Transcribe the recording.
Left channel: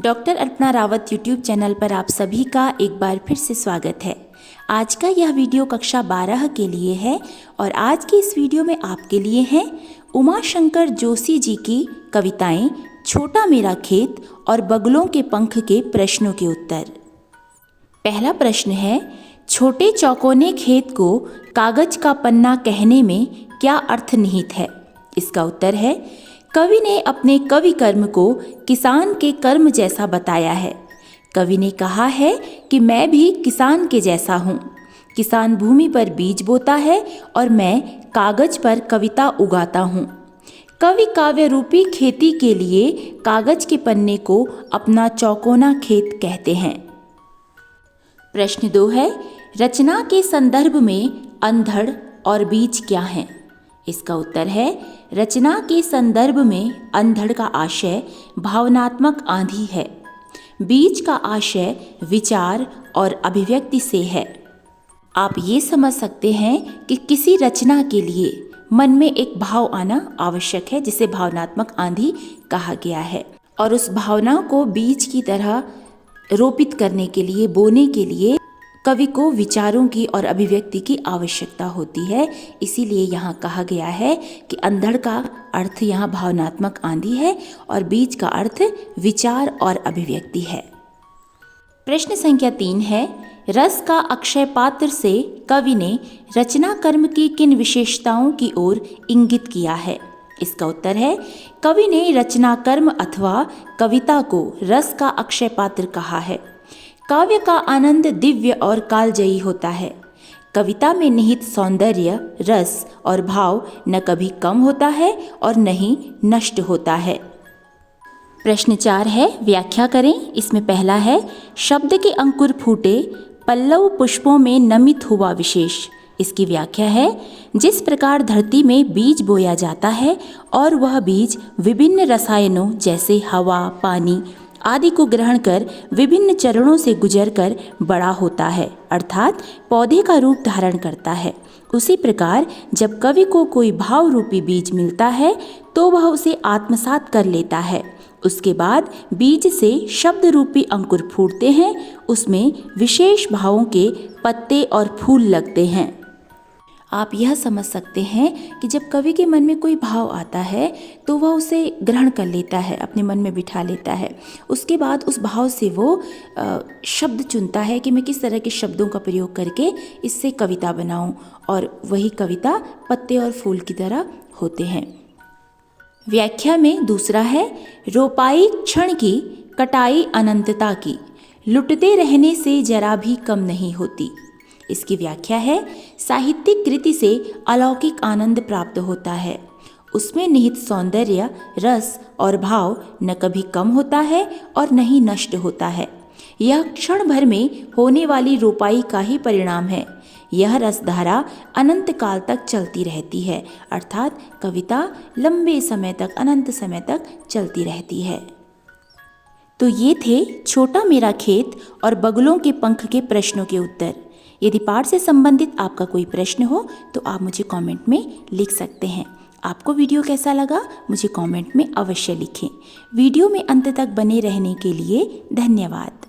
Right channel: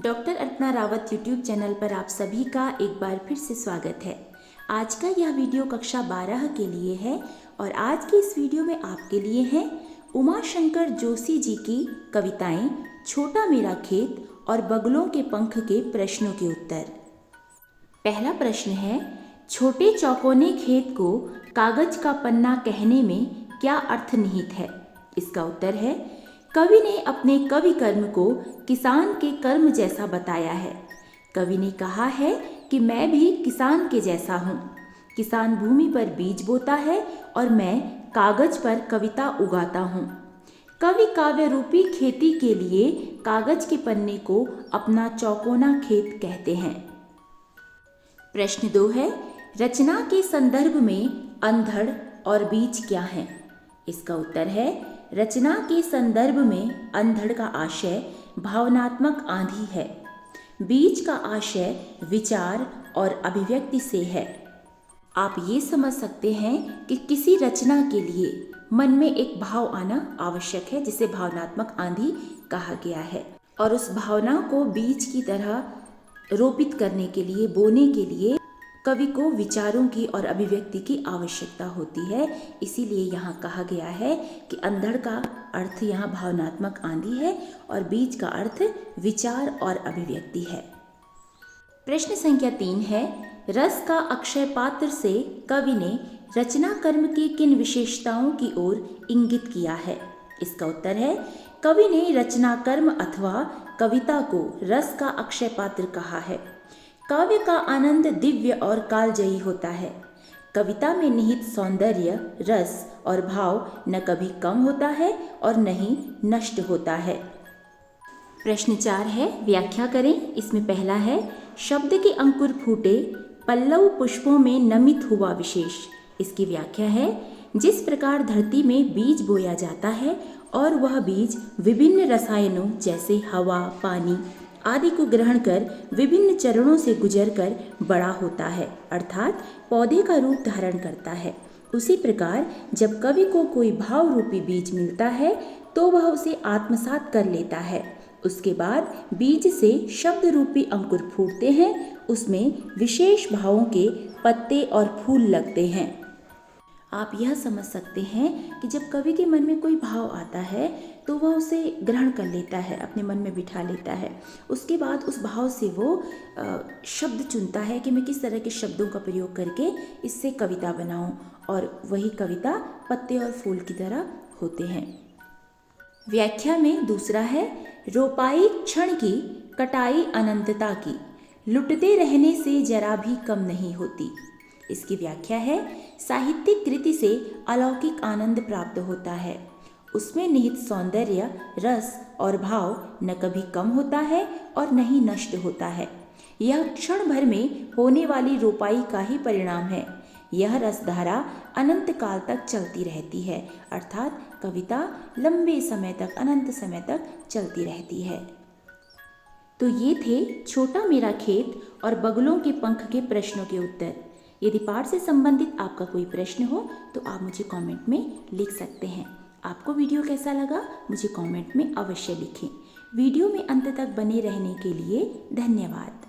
Doctor Alpana Rawat YouTube channel पर आप सभी का एक बार फिर से स्वागत है। आज का यह वीडियो कक्षा 12 के लिए है और आज की इस वीडियो में आपके लिए हैं उमाशंकर जोशी जी की कविताएं छोटा मेरा खेत और बगुलों के पंख के प्रश्नों के उत्तर। पहला प्रश्न है, छोटे चौकोने खेत को कागज का पन्ना कहने में क्या अर्थ निहित है? इसका उत्तर है, कवि ने अपने कवि कर्म को किसान के कर्म जैसा बताया है। कवि ने कहा है कि मैं भी किसान के जैसा हूँ। किसान भूमि पर बीज बोता है और मैं कागज पर कविता उगाता हूँ। कवि काव्य रूपी खेती के लिए कागज के पन्ने को अपना चौकोना खेत कहते हैं। प्रश्न 2 है, रचना के संदर्भ में अंधड़ और बीज क्या हैं? इसका उत्तर है, रचना के संदर्भ में अंधड़ का आशय भावनात्मक आंधी है। बीज का आशय विचार और अभिव्यक्ति से है। आप ये समझ सकते हैं कि किसी रचना के लिए मन में एक भाव आना आवश्यक है, जिसे भावनात्मक आंधी कहा गया है, और उस भावना को बीज की तरह रोपित करने के लिए, बोने के लिए कवि को विचारों की और अभिव्यक्ति की आवश्यकता होती है। इसीलिए यहाँ कहा गया है कि अंधड़ का अर्थ यहाँ भावनात्मक आंधी है और बीज का अर्थ विचार और अभिव्यक्ति है। प्रश्न संख्या 3 है, रस का अक्षय पात्र से कवि ने रचना कर्म की किन विशेषताओं की ओर इंगित किया है? इसका उत्तर है, कवि ने रचना कर्म अथवा कविता को रस का अक्षय पात्र कहा है। काव्य का आनंद दिव्य और कालजयी होता है। कविता में निहित सौंदर्य, रस और भाव न कभी कम होता है और न ही नष्ट होता है। प्रश्न 4 है, व्याख्या करें। इसमें पहला है, शब्द के अंकुर फूटे पल्लव पुष्पों में नमित हुआ विशेष। इसकी व्याख्या है, जिस प्रकार धरती में बीज बोया जाता है और वह बीज विभिन्न रसायनों जैसे हवा, पानी आदि को ग्रहण कर विभिन्न चरणों से गुजरकर बड़ा होता है, अर्थात पौधे का रूप धारण करता है, उसी प्रकार जब कवि को कोई भाव रूपी बीज मिलता है तो वह उसे आत्मसात कर लेता है। उसके बाद बीज से शब्द रूपी अंकुर फूटते हैं, उसमें विशेष भावों के पत्ते और फूल लगते हैं। आप यह समझ सकते हैं कि जब कवि के मन में कोई भाव आता है तो वह उसे ग्रहण कर लेता है, अपने मन में बिठा लेता है। उसके बाद उस भाव से वो शब्द चुनता है कि मैं किस तरह के शब्दों का प्रयोग करके इससे कविता बनाऊं, और वही कविता पत्ते और फूल की तरह होते हैं। व्याख्या में दूसरा है, रोपाई क्षण की, कटाई अनंतता की, लुटते रहने से जरा भी कम नहीं होती। इसकी व्याख्या है, साहित्यिक कृति से अलौकिक आनंद प्राप्त होता है। उसमें निहित सौंदर्य, रस और भाव न कभी कम होता है और न ही नष्ट होता है। यह क्षण भर में होने वाली रोपाई का ही परिणाम है। यह रसधारा अनंत काल तक चलती रहती है, अर्थात कविता लंबे समय तक, अनंत समय तक चलती रहती है। तो ये थे छोटा मेरा खेत और बगुलों के पंख के प्रश्नों के उत्तर। यदि पाठ से संबंधित आपका कोई प्रश्न हो तो आप मुझे कमेंट में लिख सकते हैं। आपको वीडियो कैसा लगा मुझे कमेंट में अवश्य लिखें। वीडियो में अंत तक बने रहने के लिए धन्यवाद।